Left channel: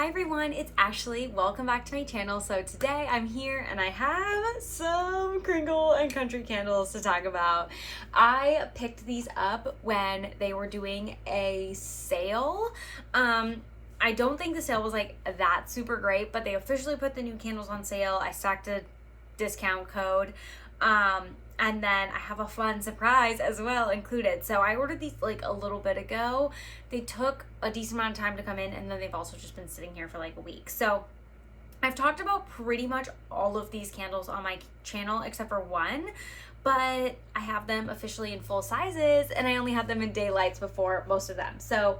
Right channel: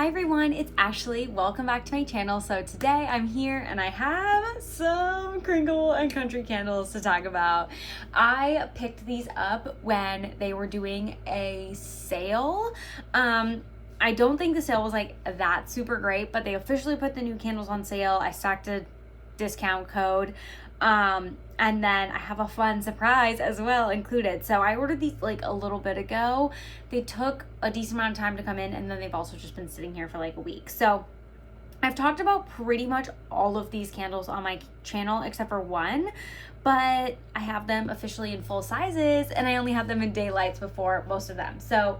Hi everyone, it's Ashley. Welcome back to my channel. So today I'm here and I have some Kringle and country candles to talk about. I picked these up when they were doing a sale. I don't think the sale was like that super great, but they officially put the new candles on sale. I stacked a discount code. And then I have a fun surprise as well included. So I ordered these like a little bit ago. They took a decent amount of time to come in, and then they've also just been sitting here for like a week. So I've talked about pretty much all of these candles on my channel except for one, but I have them officially in full sizes and I only had them in daylights before most of them. So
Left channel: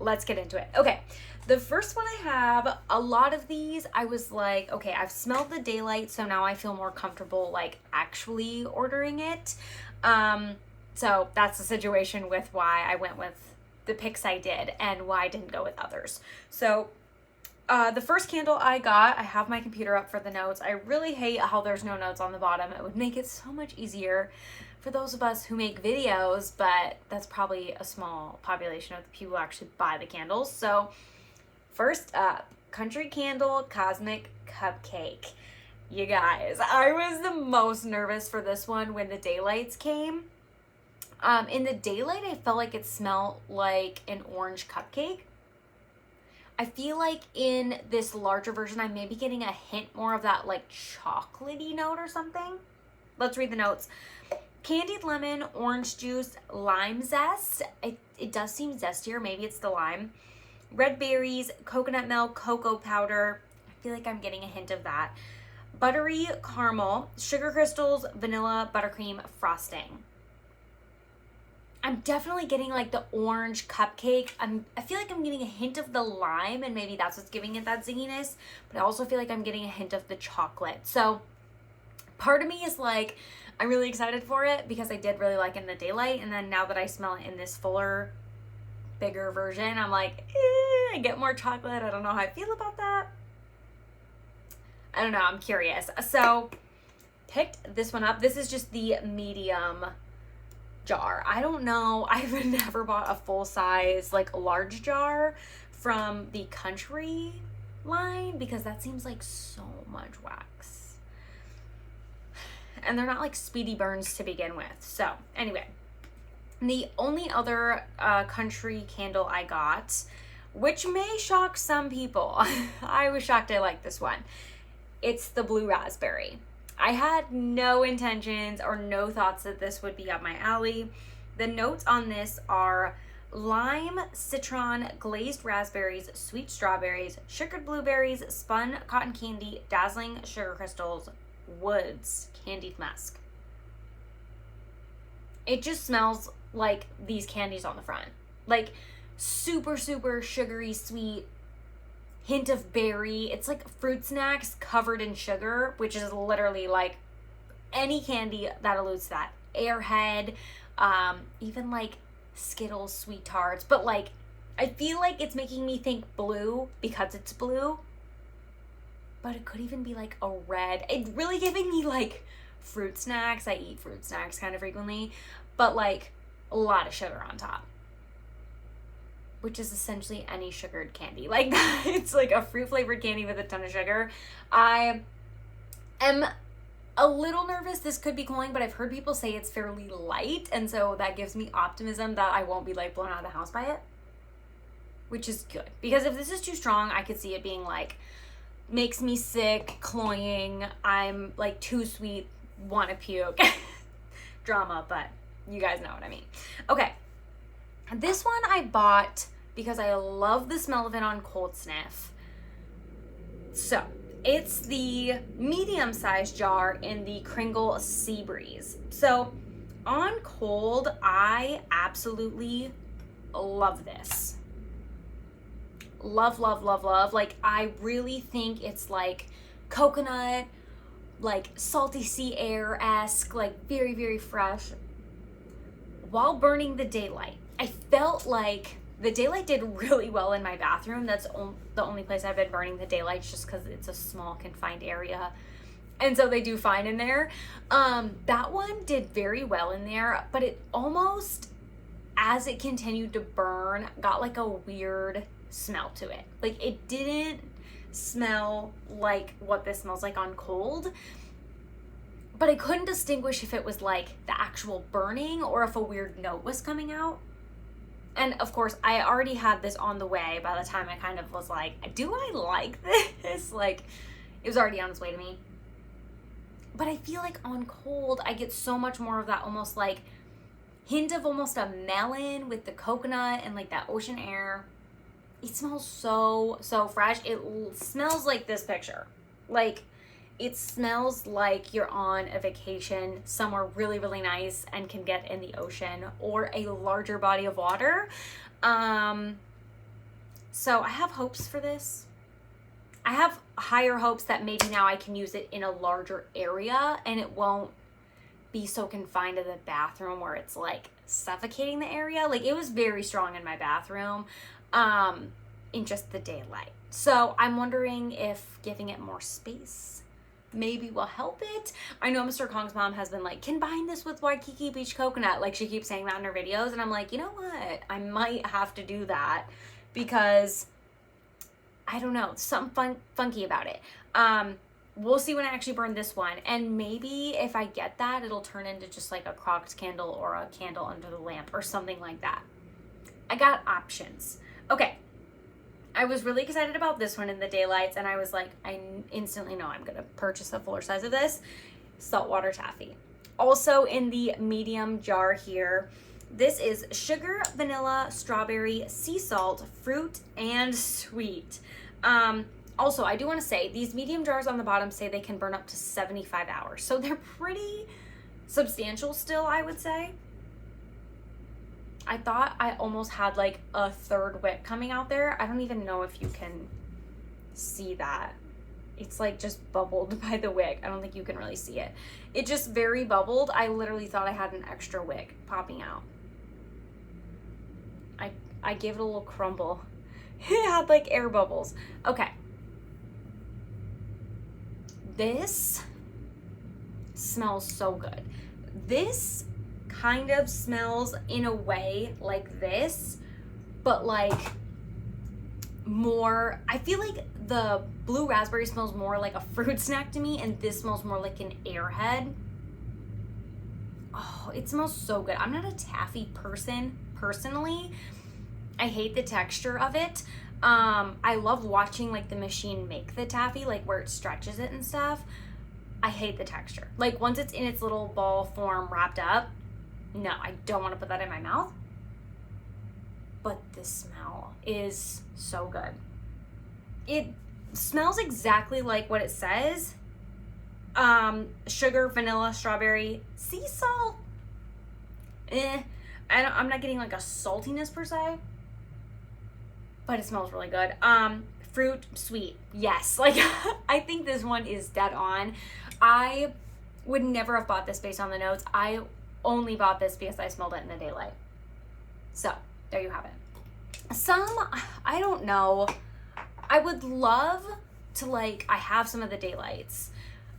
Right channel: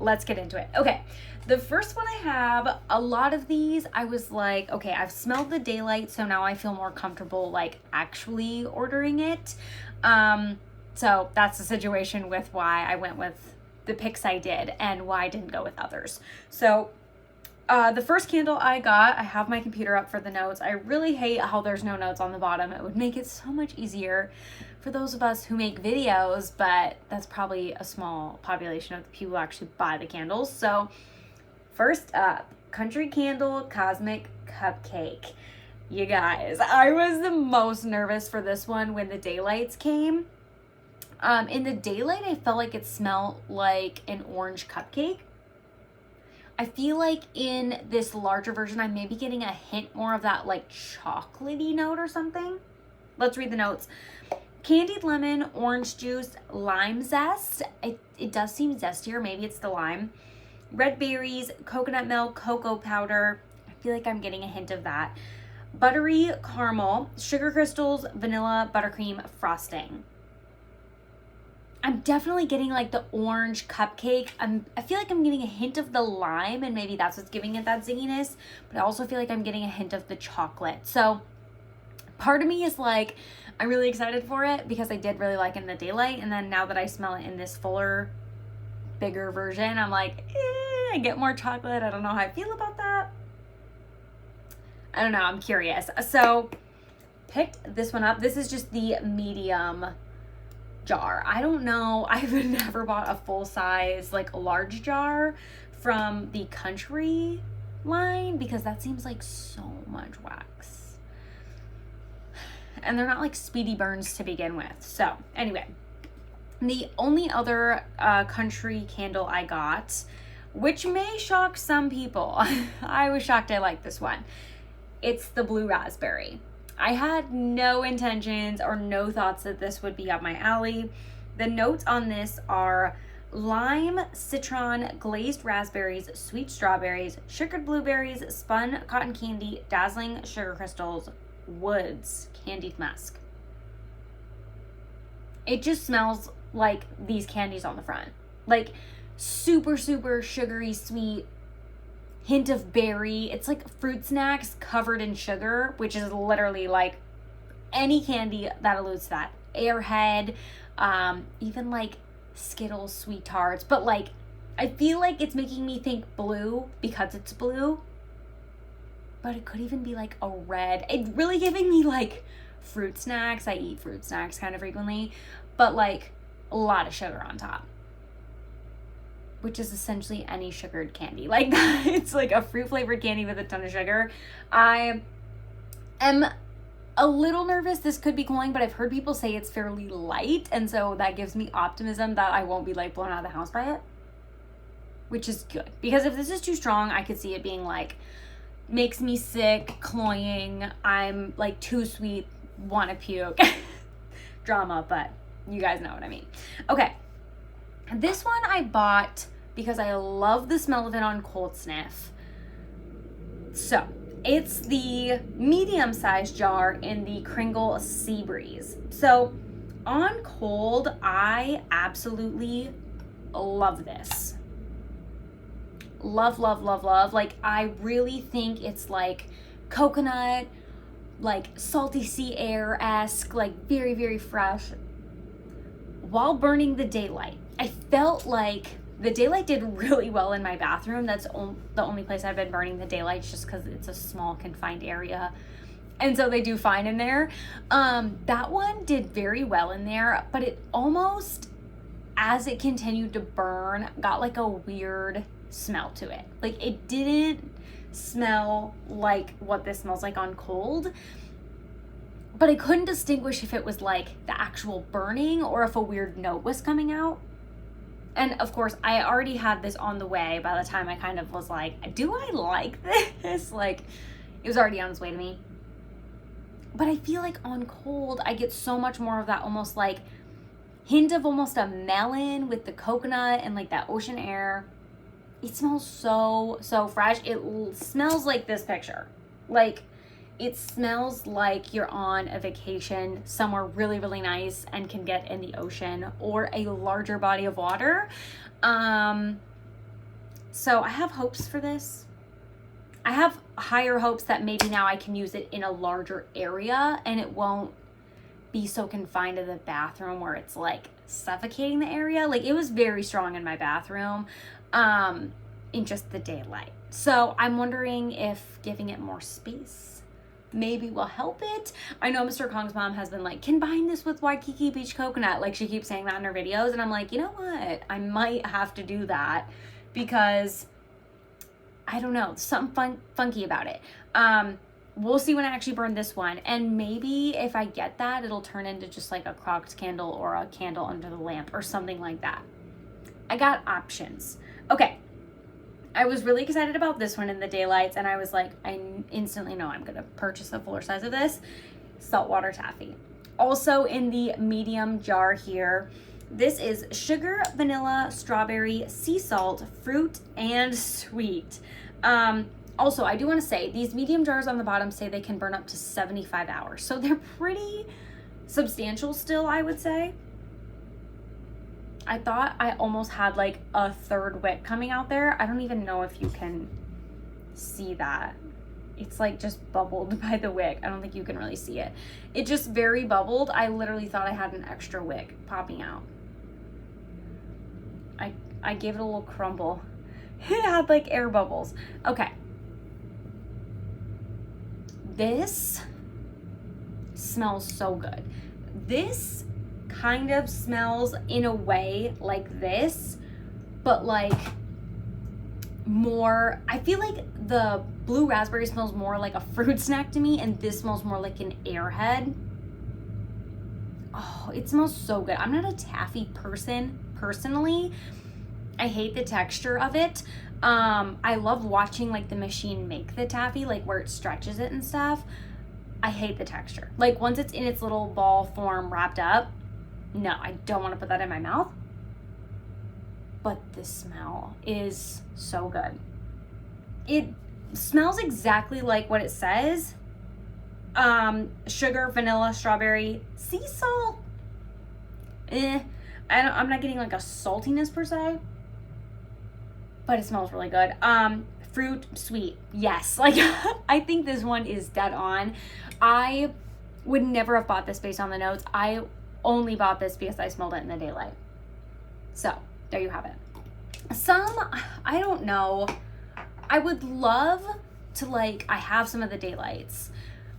let's get into it. Okay, the first one I have, a lot of these I was like, okay, I've smelled the daylight, so now I feel more comfortable like actually ordering it. So that's the situation with why I went with the picks I did and why I didn't go with others. So the first candle I got, I have my computer up for the notes. I really hate how there's no notes on the bottom. It would make it so much easier for those of us who make videos, but that's probably a small population of the people who actually buy the candles. So first up, Country Candle Cosmic Cupcake. You guys, I was the most nervous for this one when the daylights came. In the daylight, I felt like it smelled like an orange cupcake. I feel like in this larger version, I may be getting a hint more of that like chocolatey note or something. Let's read the notes. Candied lemon, orange juice, lime zest. It does seem zestier. Maybe it's the lime. Red berries, coconut milk, cocoa powder. I feel like I'm getting a hint of that. Buttery caramel, sugar crystals, vanilla, buttercream, frosting. I'm definitely getting like the orange cupcake. I feel like I'm getting a hint of the lime, and maybe that's what's giving it that zinginess, but I also feel like I'm getting a hint of the chocolate. So part of me is like, I'm really excited for it because I did really like it in the daylight, and then now that I smell it in this fuller, bigger version, I'm like, I get more chocolate. I don't know how I feel about that. I don't know, I'm curious. So picked this one up. This is just the medium jar. I don't know, I've never bought a full size like large jar from the country line because that seems like so much wax, and they're not like speedy burns to begin with. So anyway, the only other country candle I got, which may shock some people, I was shocked I liked this one. It's the blue raspberry. I had no intentions or no thoughts that this would be up my alley. The notes on this are lime, citron, glazed raspberries, sweet strawberries, sugared blueberries, spun cotton candy, dazzling sugar crystals, woods, candied musk. It just smells like these candies on the front. Like super, super sugary, sweet, hint of berry. It's like fruit snacks covered in sugar, which is literally like any candy that alludes to that. Airhead, even like Skittles, Sweet Tarts. But like, I feel like it's making me think blue because it's blue. But it could even be like a red. It's really giving me like fruit snacks. I eat fruit snacks kind of frequently, but like a lot of sugar on top, which is essentially any sugared candy like that. It's like a fruit flavored candy with a ton of sugar. I am a little nervous this could be cloying, but I've heard people say it's fairly light, and so that gives me optimism that I won't be like blown out of the house by it, which is good, because if this is too strong, I could see it being like makes me sick, cloying, I'm like too sweet, want to puke drama, but you guys know what I mean. Okay, this one I bought because I love the smell of it on cold sniff. So it's the medium-sized jar in the Kringle Sea Breeze. So on cold, I absolutely love this. Love, love, love, love. Like, I really think it's like coconut, like salty sea air-esque, like very, very fresh, while burning the daylight. I felt like the daylight did really well in my bathroom. That's the only place I've been burning the daylight, just because it's a small confined area, and so they do fine in there. That one did very well in there, but it almost, as it continued to burn, got like a weird smell to it. Like, it didn't smell like what this smells like on cold, but I couldn't distinguish if it was like the actual burning or if a weird note was coming out. And of course, I already had this on the way by the time I kind of was like, do I like this? Like, it was already on its way to me. But I feel like on cold, I get so much more of that almost like hint of almost a melon with the coconut and like that ocean air. It smells so, so fresh. It smells like this picture. Like, it smells like you're on a vacation somewhere really, really nice and can get in the ocean or a larger body of water. So I have hopes for this. I have higher hopes that maybe now I can use it in a larger area and it won't be so confined to the bathroom where it's like suffocating the area. Like, it was very strong in my bathroom in just the daylight. So I'm wondering if giving it more space maybe will help it. I know Mr. Kong's mom has been like, combine this with Waikiki Beach Coconut. Like, she keeps saying that in her videos. And I'm like, you know what? I might have to do that because I don't know, something funky about it. We'll see when I actually burn this one. And maybe if I get that, it'll turn into just like a crocked candle or a candle under the lamp or something like that. I got options. Okay. I was really excited about this one in the daylights, and I was like, I instantly know I'm gonna purchase a fuller size of this. Saltwater taffy. Also in the medium jar here, this is sugar, vanilla, strawberry, sea salt, fruit, and sweet. Also, I do want to say these medium jars on the bottom say they can burn up to 75 hours. So they're pretty substantial still, I would say. I thought I almost had like a third wick coming out there. I don't even know if you can see that. It's like just bubbled by the wick. I don't think you can really see it. It just very bubbled. I literally thought I had an extra wick popping out. I gave it a little crumble. It had like air bubbles. Okay. This smells so good. This kind of smells in a way like this, but like more, I feel like the blue raspberry smells more like a fruit snack to me, and this smells more like an airhead. Oh, it smells so good. I'm not a taffy person personally. I hate the texture of it. I love watching like the machine make the taffy, like where it stretches it and stuff. I hate the texture. Like, once it's in its little ball form wrapped up, no, I don't want to put that in my mouth. But the smell is so good. It smells exactly like what it says. Sugar, vanilla, strawberry, sea salt. I'm not getting like a saltiness per se, but it smells really good. Fruit, sweet, yes. Like, I think this one is dead on. I would never have bought this based on the notes. I only bought this because I smelled it in the daylight. So there you have it. Some, I don't know. I would love to, like, I have some of the daylights,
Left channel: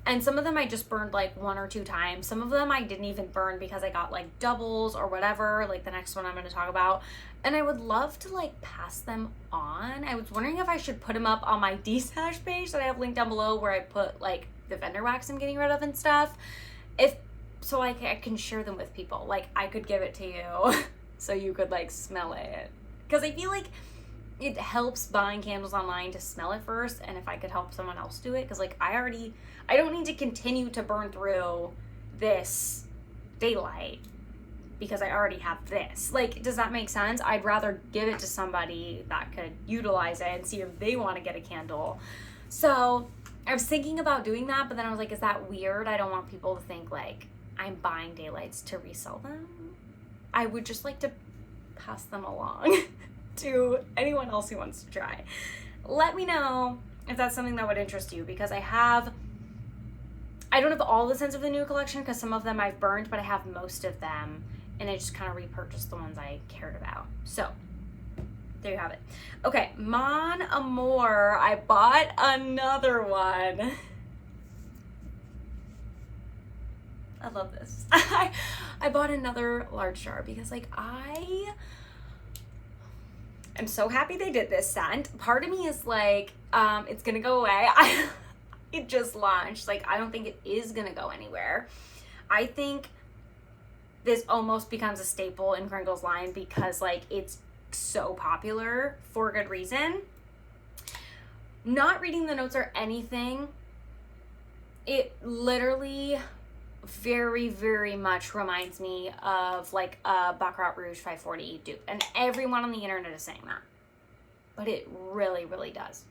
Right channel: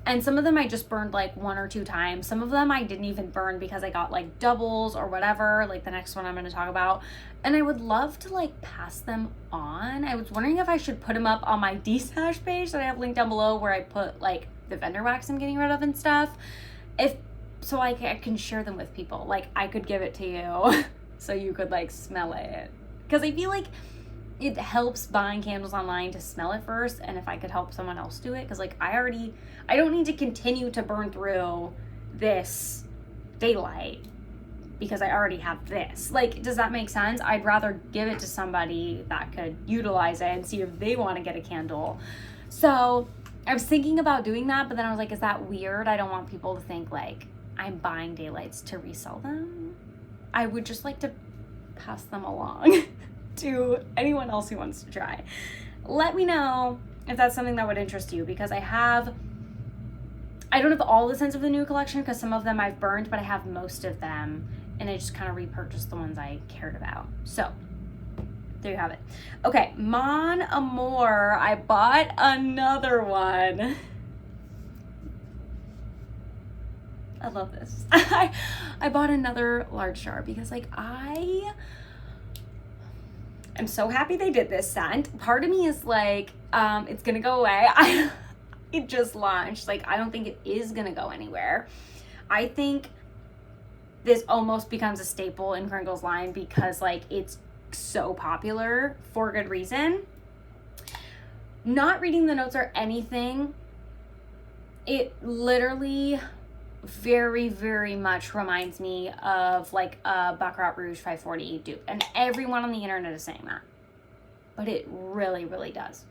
and some of them I just burned like 1 or 2 times. Some of them I didn't even burn because I got like doubles or whatever, like the next one I'm going to talk about. And I would love to like pass them on. I was wondering if I should put them up on my D-Stash page that I have linked down below, where I put like the vendor wax I'm getting rid of and stuff. So I can share them with people. Like, I could give it to you so you could like smell it. Because I feel like it helps buying candles online to smell it first, and if I could help someone else do it, because like I don't need to continue to burn through this daylight because I already have this. Like, does that make sense? I'd rather give it to somebody that could utilize it and see if they want to get a candle. So I was thinking about doing that, but then I was like, is that weird? I don't want people to think like I'm buying daylights to resell them. I would just like to pass them along to anyone else who wants to try. Let me know if that's something that would interest you, because I don't have all the scents of the new collection because some of them I've burned, but I have most of them, and I just kind of repurchased the ones I cared about. So there you have it. Okay, Mon Amour. I bought another one. I love this. I bought another large jar because like I I'm so happy they did this scent. Part of me is like, it's gonna go away. It just launched. Like, I don't think it is gonna go anywhere. I think this almost becomes a staple in Kringle's line because like it's so popular for good reason. Not reading the notes or anything, it literally very, very much reminds me of like a Baccarat Rouge 540 dupe, and everyone on the internet is saying that, but it really, really does.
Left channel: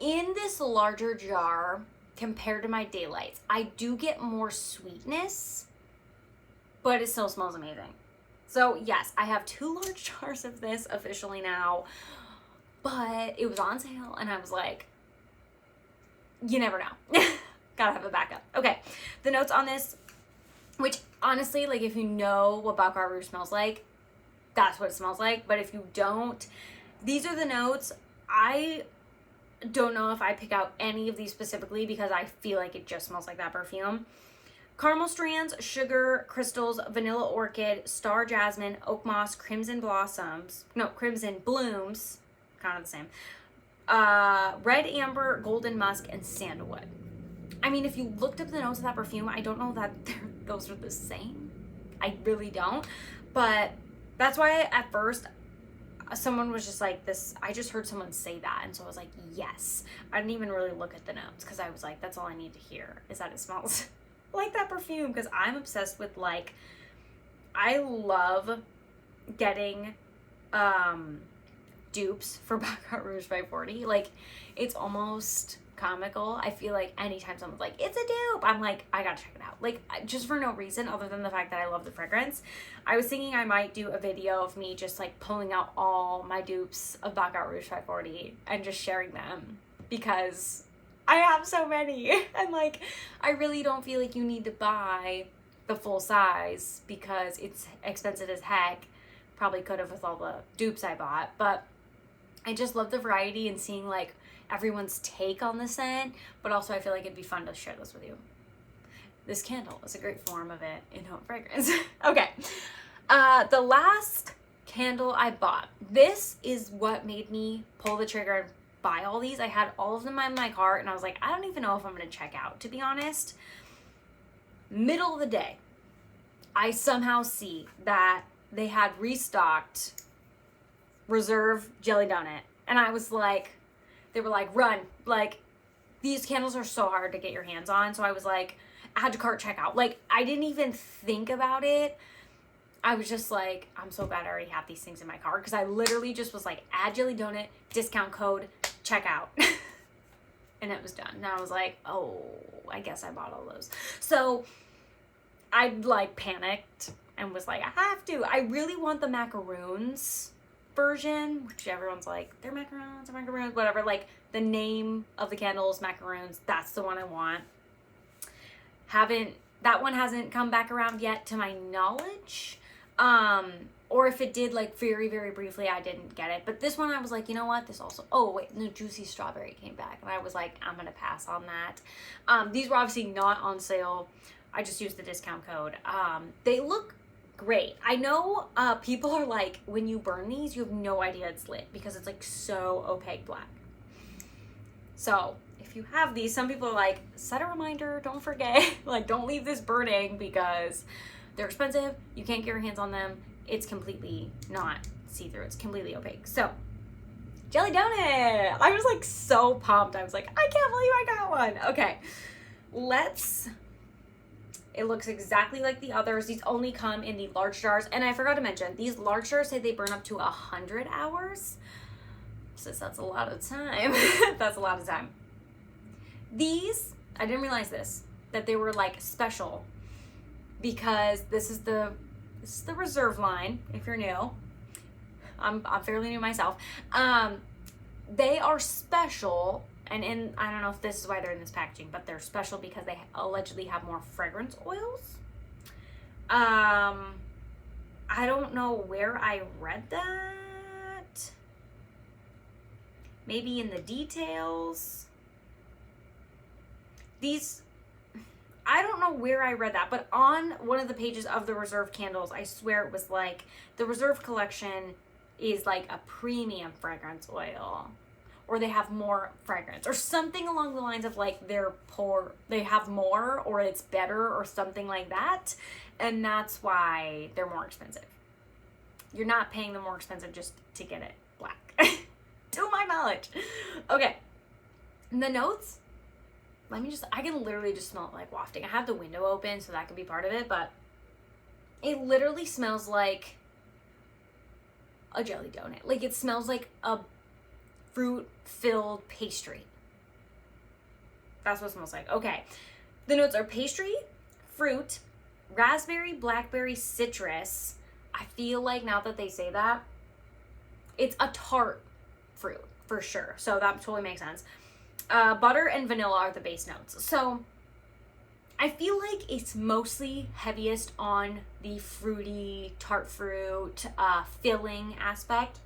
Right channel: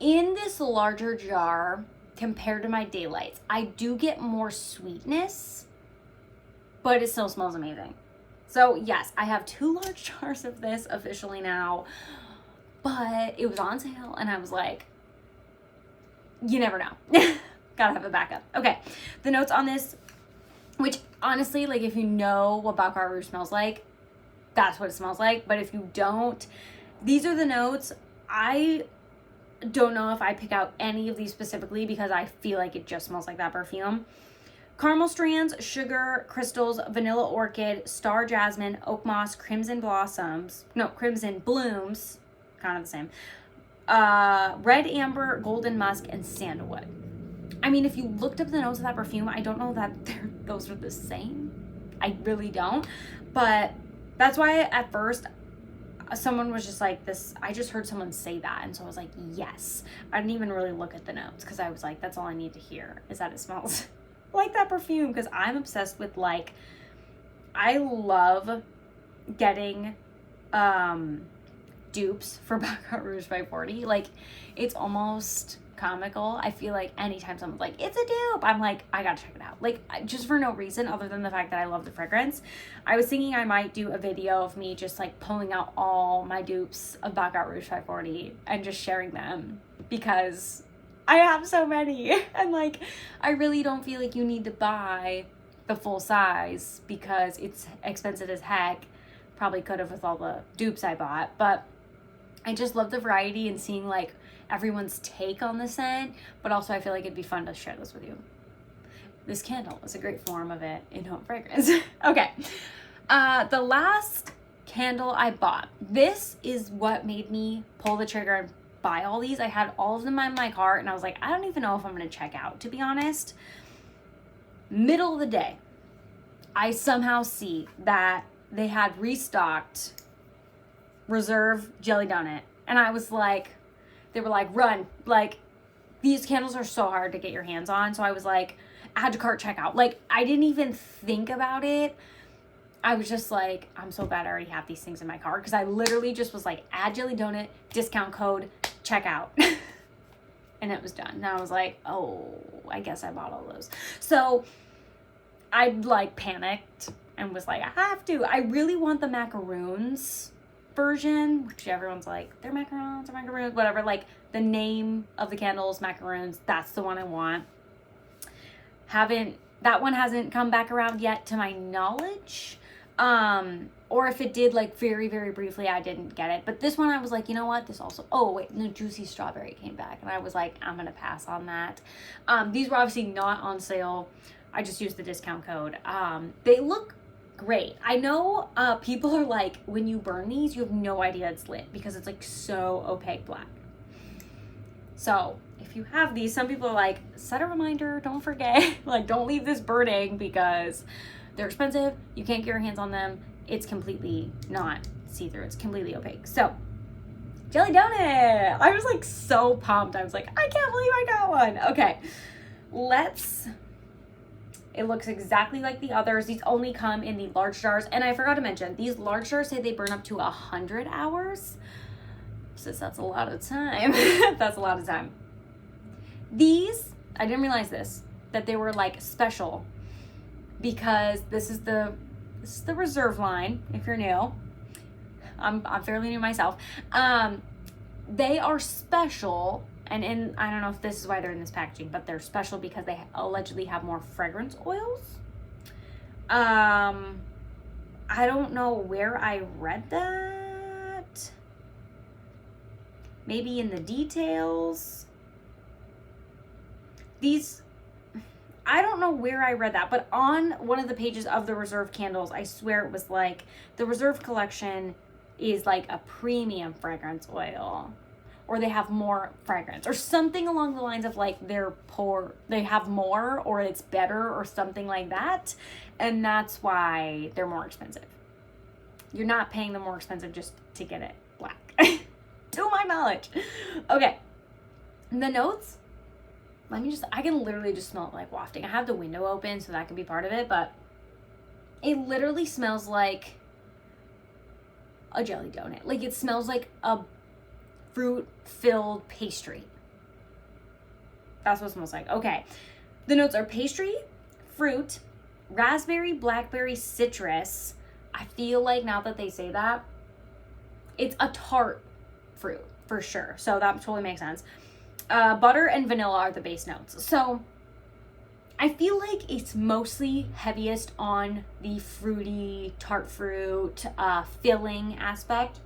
In this larger jar compared to my Daylights, I do get more sweetness, but it still smells amazing. So yes, I have 2 large jars of this officially now, but it was on sale and I was like, you never know. Gotta have a backup. Okay, the notes on this, which honestly, like if you know what Baccarat Rouge smells like, that's what it smells like. But if you don't, these are the notes. I don't know if I pick out any of these specifically because I feel like it just smells like that perfume. Caramel strands, sugar, crystals, vanilla orchid, star jasmine, oak moss, crimson blossoms, no, crimson blooms, kind of the same, red amber, golden musk, and sandalwood. I mean, if you looked up the notes of that perfume, I don't know that those are the same. I really don't. But that's why at first someone was just like this. I just heard someone say that. And so I was like, yes. I didn't even really look at the notes because I was like, that's all I need to hear is that it smells like that perfume. Because I'm obsessed with like, I love getting dupes for Baccarat Rouge 540. Like, it's almost comical. I feel like anytime someone's like, it's a dupe, I'm like, I gotta check it out. Like, just for no reason other than the fact that I love the fragrance. I was thinking I might do a video of me just like pulling out all my dupes of Baccarat Rouge 540 and just sharing them because I have so many. And like, I really don't feel like you need to buy the full size because it's expensive as heck. Probably could have with all the dupes I bought, but I just love the variety and seeing like everyone's take on the scent, but also I feel like it'd be fun to share this with you. This candle is a great form of it in home fragrance. Okay, the last candle I bought, this is what made me pull the trigger and buy all these. I had all of them in my cart and I was like, I don't even know if I'm gonna check out, to be honest. Middle of the day, I somehow see that they had restocked Reserve Jelly Donut, and I was like, they were like, run, like these candles are so hard to get your hands on. So I was like, add to cart, checkout. Like, I didn't even think about it. I was just like, I'm so glad I already have these things in my cart, because I literally just was like, add Jelly Donut, discount code, checkout. And it was done. And I was like, oh, I guess I bought all those. So I like panicked and was like, I have to. I really want the macaroons version, which everyone's like, they're macaroons or macaroons, whatever. Like, the name of the candles, macaroons, that's the one I want. That one hasn't come back around yet to my knowledge. Or if it did, like very, very briefly, I didn't get it. But this one I was like, you know what? This also, oh wait, no, Juicy Strawberry came back. And I was like, I'm gonna pass on that. These were obviously not on sale. I just used the discount code. They look great. I know people are like, when you burn these, you have no idea it's lit because it's like so opaque black. So if you have these, some people are like, set a reminder, don't forget, like don't leave this burning because they're expensive. You can't get your hands on them. It's completely not see-through. It's completely opaque. So Jelly Donut. I was like so pumped. I was like, I can't believe I got one. Okay, it looks exactly like the others. These only come in the large jars. And I forgot to mention, these large jars say they burn up to 100 hours. Since that's a lot of time. That's a lot of time. These, I didn't realize this, that they were like special because this is the Reserve line, if you're new. I'm fairly new myself. They are special. And I don't know if this is why they're in this packaging, but they're special because they allegedly have more fragrance oils. I don't know where I read that. Maybe in the details. I don't know where I read that, but on one of the pages of the Reserve candles, I swear it was like, the Reserve collection is like a premium fragrance oil, or they have more fragrance, or something along the lines of like they have more, or it's better, or something like that. And that's why they're more expensive. You're not paying them more expensive just to get it black. To my knowledge. Okay. And the notes, I can literally just smell it like wafting. I have the window open, so that could be part of it, but it literally smells like a jelly donut. Like, it smells like a fruit-filled pastry. That's what it smells like. Okay. The notes are pastry, fruit, raspberry, blackberry, citrus. I feel like now that they say that, it's a tart fruit for sure. So that totally makes sense. Butter and vanilla are the base notes. So I feel like it's mostly heaviest on the fruity, tart fruit, filling aspect.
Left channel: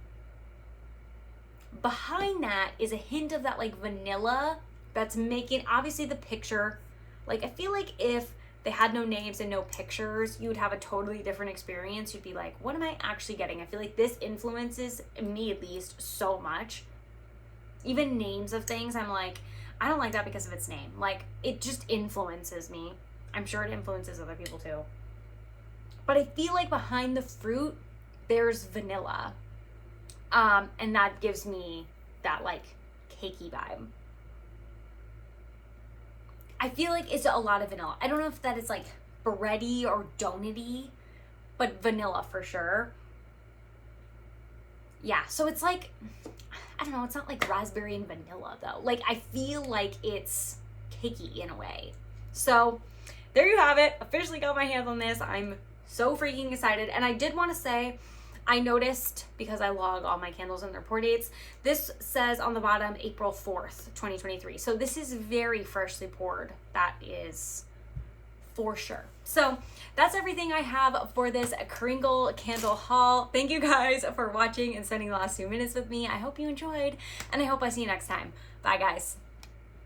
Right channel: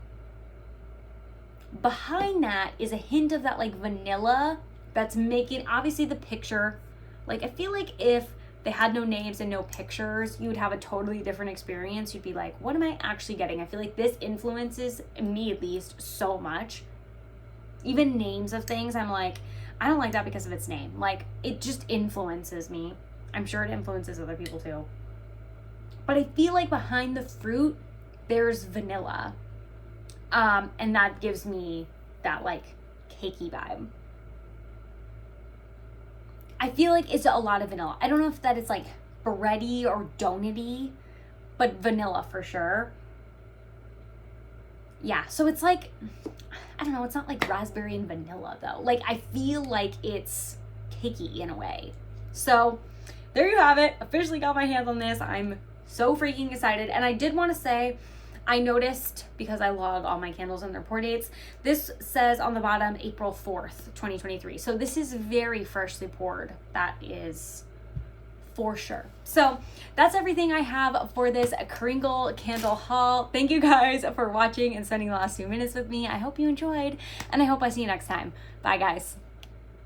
Behind that is a hint of that like vanilla that's making, obviously the picture, like I feel like if they had no names and no pictures, you would have a totally different experience. You'd be like, what am I actually getting? I feel like this influences me at least so much. Even names of things, I'm like, I don't like that because of its name. Like, it just influences me. I'm sure it influences other people too. But I feel like behind the fruit, there's vanilla. And that gives me that like cakey vibe. I feel like it's a lot of vanilla. I don't know if that is like bready or donut-y, but vanilla for sure. Yeah, so it's like, I don't know, it's not like raspberry and vanilla though. Like, I feel like it's cakey in a way. So there you have it. Officially got my hands on this. I'm so freaking excited. And I did want to say, I noticed, because I log all my candles and their pour dates, this says on the bottom April 4th, 2023. So this is very freshly poured. That is for sure. So that's everything I have for this Kringle candle haul. Thank you guys for watching and spending the last few minutes with me. I hope you enjoyed, and I hope I see you next time. Bye guys.